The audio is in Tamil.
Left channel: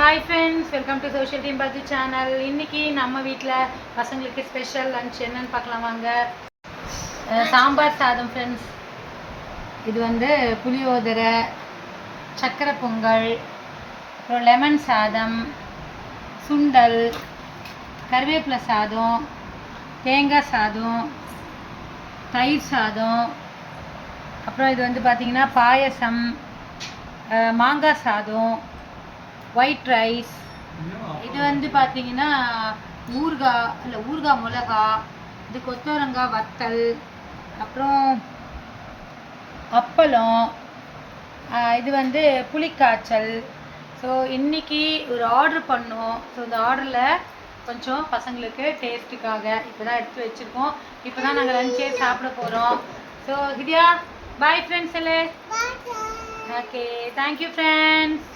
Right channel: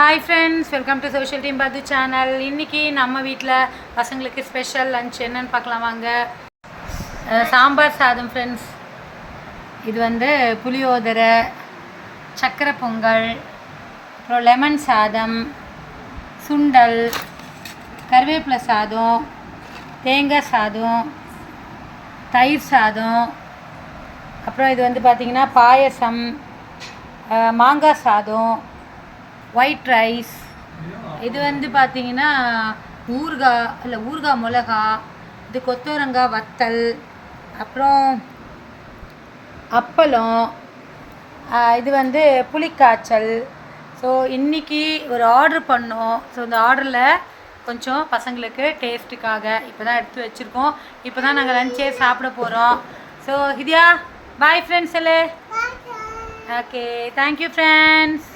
Hi friends welcome to social team பாத்து சேனல் இன்னைக்கு நம்ம வீட்டில் பசங்களுக்கு ஸ்பெஷல் லஞ்ச் என்னன்னு பார்க்கலாம் வாங்க சாம்பார் சாதம் ஃப்ரெண்ட்ஸ் இது வந்து புளியோதரை சக்கரை பொங்கல் அப்புறம் லெமன் சாதம் சுண்டல் கருவேப்பிலை சாதம் தேங்காய் சாதம் தயிர் சாதம் அப்புறம் இது வந்து பார்த்திங்கன்னா பாயசம் அஹ், மாங்காய் சாதம் ஒயிட் ரைஸ் இது வந்து பார்த்தீங்கன்னா ஊறுகாய் இல்லை ஊறுகாய் மிளகா இது கொத்தவரங்காய் வத்தல் அப்புறம் அப்பளம் இது வந்து புளிக்காய்ச்சல். ஸோ இன்னைக்கு ஒரு ஆர்டர் பண்ணோம். ஸோ இந்த ஆர்டரில் கொஞ்சம் பசங்களுக்கு டேஸ்ட்டுக்காக இப்போ தான் எடுத்து வச்சுருக்கோம். இப்போ தான் நாங்கள் லஞ்சே சாப்பிட போகிறோம் ஸோ ஹிதியா பாய் ஃப்ரெண்ட்ஸ் எல்லே ஓகே தேங்க்யூ ஃப்ரெண்ட்ஸ்